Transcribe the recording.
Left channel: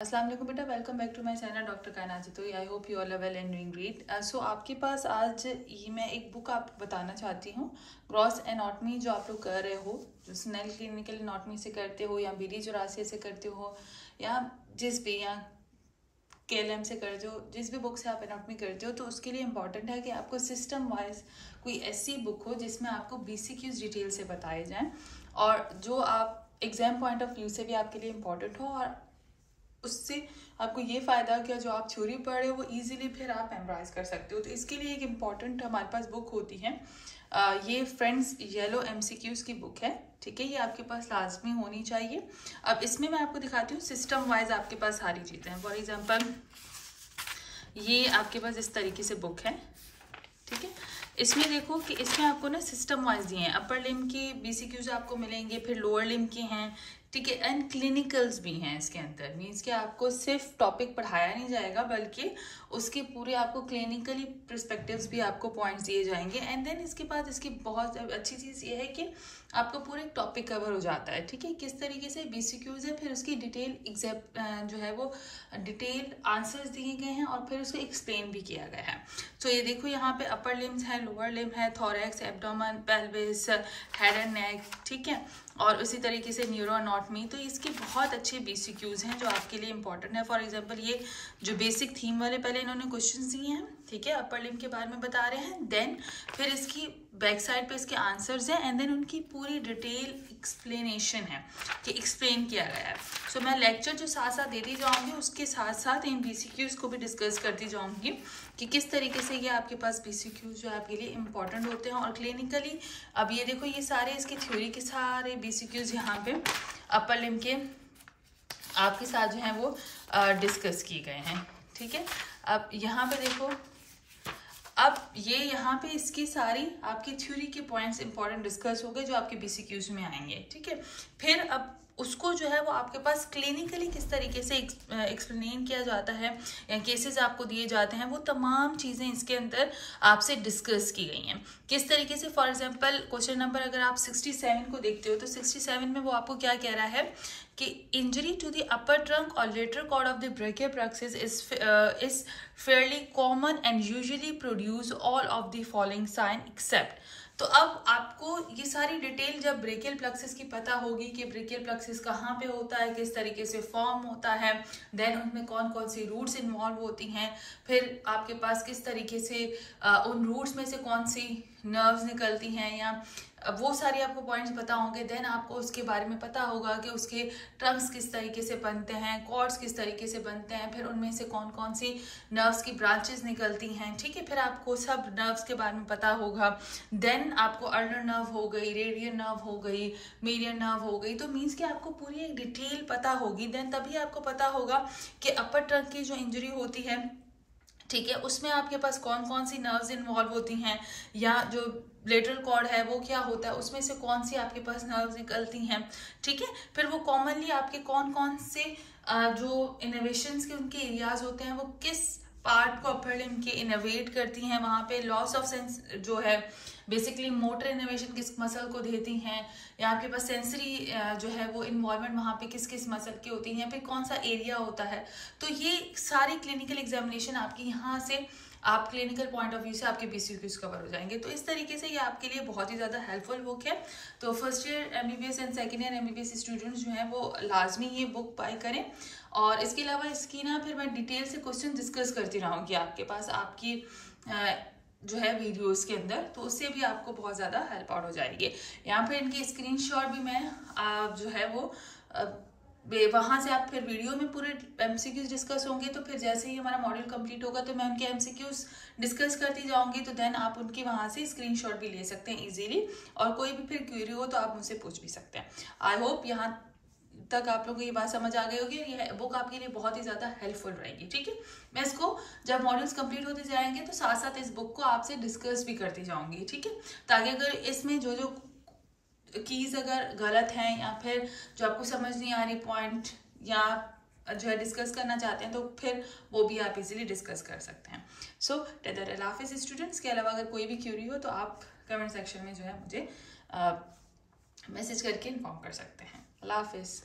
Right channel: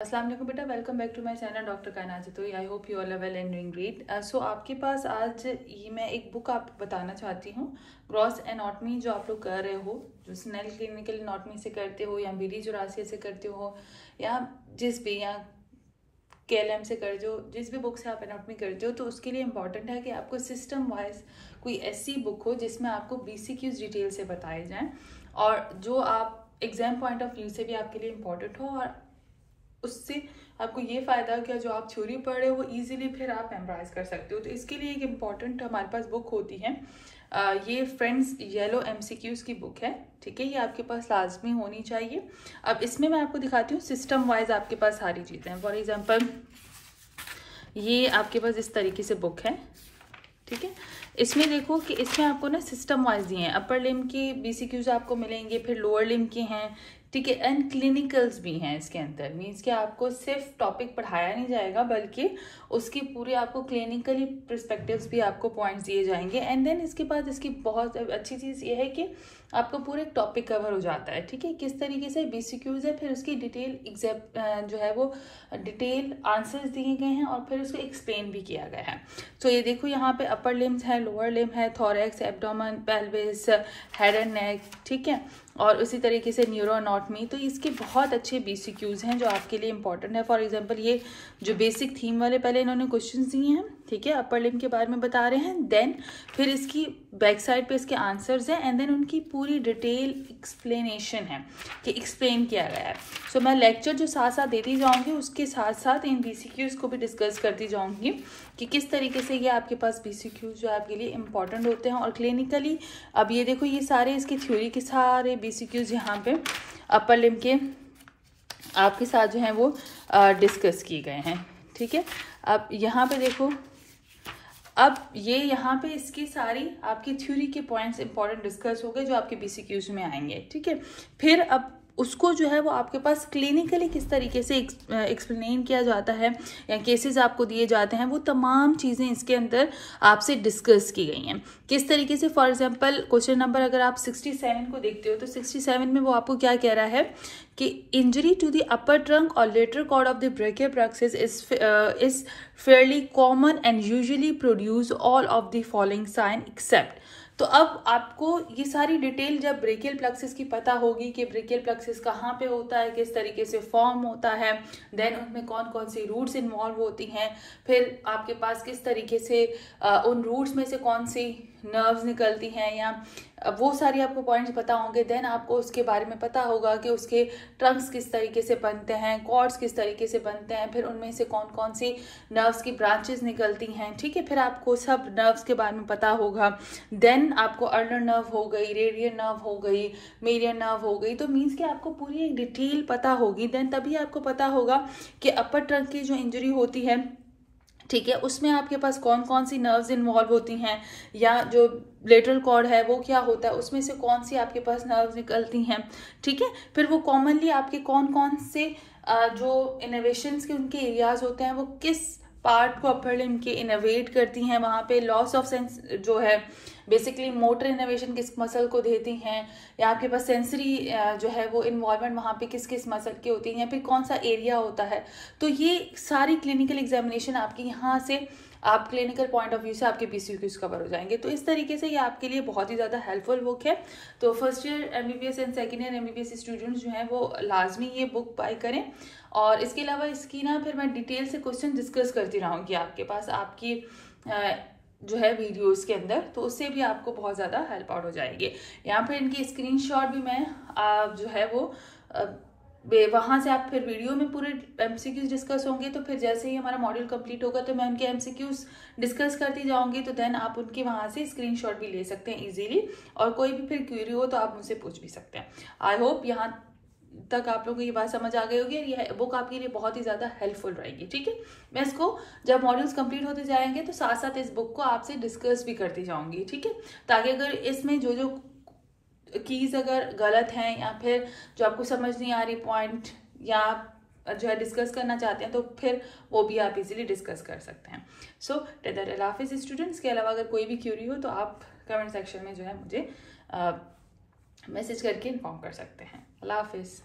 अस्सलाम वालेकुम बेटा, welcome back to my channel doctor Kainat Jatoi. I hope you all are well and doing great. So आपके पास आज ये मैं एक बुक आपको बताना चाहती हूँ, ग्रॉस एनाटॉमी, जो आप लोग कर रहे हो, जो स्नेल क्लिनिकल एनाटॉमी से करते हो या बीडी जोरासिया से करते हो या जिस भी या KLM से करते हो, जिस भी बुक से आप एनाटॉमी करते हो, तो उसके लिए इम्पॉर्टेंट है कि आपको सिस्टम वाइज कोई ऐसी बुक हो जिसमें आपको BCQs डिटेल से बताए जाएँ और जो आप एग्जाम पॉइंट ऑफ व्यू से भी आपके लिए इम्पॉर्टेंट हो और उससे आपको ये फ़ायदा हो कि जो आप थ्योरी पढ़ रहे हो वो इजीली फिर आप मेमोराइज कर सकते हो। तो इसके लिए एक इम्पॉर्टेंट हमारे पास बुक होती है, ये फ्रेंड्स येलो MCQs की बुक है, ठीक है। ये आपके पास लाजमी होनी चाहिए। अब इसमें मैं आपको दिखाती हूँ सिस्टम वाइज आपके पास सारी चीज़ें हैं। फॉर एग्जांपल ये आपके पास इस तरीके से बुक है, ठीक है। इसमें देखो कि इसमें आपको ना सिस्टम वाइज दिए हैं, अपर लिम के BCQs आपको मिलेंगे, फिर लोअर लिम के हैं, ठीक है, एंड क्लिनिकल्स भी हैं इसके अंदर। मीन्स कि आपको सिर्फ टॉपिक पढ़ाया नहीं जाएगा बल्कि उसके पूरे आपको क्लिनिकली पर्सपेक्टिव्स भी आपको पॉइंट्स दिए जाएंगे। एंड देन इसके बाद इसकी बहुत अच्छी चीज़ ये है कि आपको पूरे टॉपिक कवर हो जाता है, ठीक है, किस तरीके से BCQs है, फिर उसकी डिटेल जो है वो डिटेल आंसर्स दिए गए हैं और फिर उसको एक्सप्लेन भी किया गया है। तो ये देखो यहाँ पे अपर लिम्स है, लोअर लिम है, thorax, abdomen, pelvis, head and neck, ठीक है, और उसी तरीके से न्यूरो एनाटॉमी। तो इसके बहुत अच्छे BCQs हैं जो आपके लिए इंपॉर्टेंट है। फॉर एग्जांपल ये जो बेसिक थीम वाले पहले इन्होंने क्वेश्चंस दिए हैं, ठीक है, अपर लिम के बारे में बता रहे हैं, देन फिर इसकी बैक साइड पे इसके आंसर्स हैं एंड देन उनकी पूरी डिटेल एक्सप्लेनेशन है कि एक्सप्लेन किया गया है। सो मैं लेक्चर जो साथ साथ देती जाऊंगी उसके साथ साथ इन BCQs को भी डिस्कस करती जाऊंगी कि किस तरीके से ये आपके पास BCQs जो आपके लिए इंपॉर्टेंट होते हैं और क्लिनिकली। अब ये देखो ये सारे इसके थ्योरी के सारे BCQs यहाँ पे अपर लिम के आपके साथ जो है वो डिस्कस किए गए हैं, ठीक है। अब यहाँ पे देखो, अब ये यहाँ पे इसकी सारी आपकी थ्योरी के पॉइंट्स इंपॉर्टेंट डिस्कस हो गए जो आपके BCQs में आएंगे, ठीक है। फिर अब उसको जो है वो आपके पास क्लिनिकली किस तरीके से एक्सप्लेन किया जाता है या केसेस आपको दिए जाते हैं, वो तमाम चीज़ें इसके अंदर आपसे डिस्कस की गई हैं किस तरीके से। फॉर एग्जांपल क्वेश्चन नंबर अगर आप 67 को देखते हो तो 67 में वो आपको क्या कह रहा है कि injury to the upper trunk और lateral cord of the brachial plexus is fairly common and usually produce all of the following sign except. तो अब आपको ये सारी डिटेल जब ब्रेकियल प्लेक्सस की पता होगी कि ब्रेकियल प्लेक्सस कहाँ पे होता है, किस तरीके से फॉर्म होता है, देन उनमें कौन कौन सी रूट्स इन्वॉल्व होती हैं, फिर आपके पास किस तरीके से उन रूट्स में से कौन सी नर्व्स निकलती हैं, या वो सारी आपको पॉइंट्स पता होंगे। देन आपको उसके बारे में पता होगा कि उसके ट्रंक्स किस तरीके से बनते हैं, कॉर्ड्स किस तरीके से बनते हैं, फिर उनमें से कौन कौन सी नर्व्स की ब्रांचेस निकलती हैं, ठीक है। फिर आपको सब नर्व्स के बारे में पता होगा। देन आपको अल्नर नर्व हो गई, रेडियल नर्व हो गई, मीडियन नर्व हो गई। तो मीन्स कि आपको पूरी एक डिटेल पता होगी, देन तभी आपको पता होगा कि अपर ट्रंक की जो इंजरी होती है, ठीक है, उसमें आपके पास कौन कौन सी नर्व्स इन्वॉल्व होती हैं, या जो लेटरल कॉर्ड है वो क्या होता है, उसमें से कौन सी आपके पास नर्व्स निकलती हैं, ठीक है। फिर वो कॉमनली आपके कौन कौन से जो इनोवेशंस के उनके एरियाज होते हैं वो किस पार्ट को अपर लिम के इनोवेट करती हैं, वहाँ पे लॉस ऑफ सेंस जो है बेसिकली मोटर इनोवेशन किस मसल को देती हैं, या आपके पास सेंसरी जो है वो इन्वॉल्वमेंट वहाँ पे किस किस मसल की होती है, या फिर कौन सा एरिया होता है। तो ये सारी क्लिनिकल एग्जामिनेशन आपकी यहाँ से आप क्लिनिकल पॉइंट ऑफ व्यू से आपके BCQs कवर हो जाएंगे। तो इस तरीके से ये आपके लिए बहुत ही ज़्यादा हेल्पफुल बुक है। तो first year MBBS and second year MBBS students जो हैं वो लाजमी ये बुक बाय करें। और इसके अलावा इसकी ना फिर मैं डिटेल से क्वेश्चन डिस्कस करती रहूँगी आपके पास आपकी जो है वीडियोस के अंदर, तो उससे भी आपको बहुत ज़्यादा हेल्प आउट हो जाएगी। यहाँ पे इनके स्क्रीनशॉट भी मैं जो है वो वहाँ से आप फिर वीडियो में पूरे MCQs डिस्कस होंगे, तो फिर जैसे ही हमारा मॉड्यूल कंप्लीट होगा तो मैं उनके MCQs डिस्कस करती जाऊंगी, तो देन आप उनके वहाँ से स्क्रीनशॉट भी ले सकते हैं इजीली, और कोई भी फिर क्वेरी हो तो आप मुझसे पूछ भी सकते हैं। आई होप यहाँ तक आप लोगों को ये बात समझ आ गई होगी। ये बुक आपके लिए बहुत ही ज़्यादा हेल्पफुल रहेगी, ठीक है। मैं इसको जब मॉड्यूल्स कंप्लीट होते जाएंगे तो साथ साथ इस बुक को आपसे डिस्कस भी करती जाऊंगी, ठीक है, ताकि अगर इसमें जो जो कीज अगर गलत हैं या फिर जो आपको समझ नहीं आ रही पॉइंट या जो है डिस्कस करना चाहते हैं तो फिर वो भी आप इजीली डिस्कस कर सकते हैं। सो टेदर अल्लाह हाफिज़ स्टूडेंट्स। के अलावा अगर कोई भी क्यूरी हो तो आप कमेंट सेक्शन में जो है मुझे मैसेज करके इन्फॉर्म कर सकते हैं। अल्लाह हाफिज़।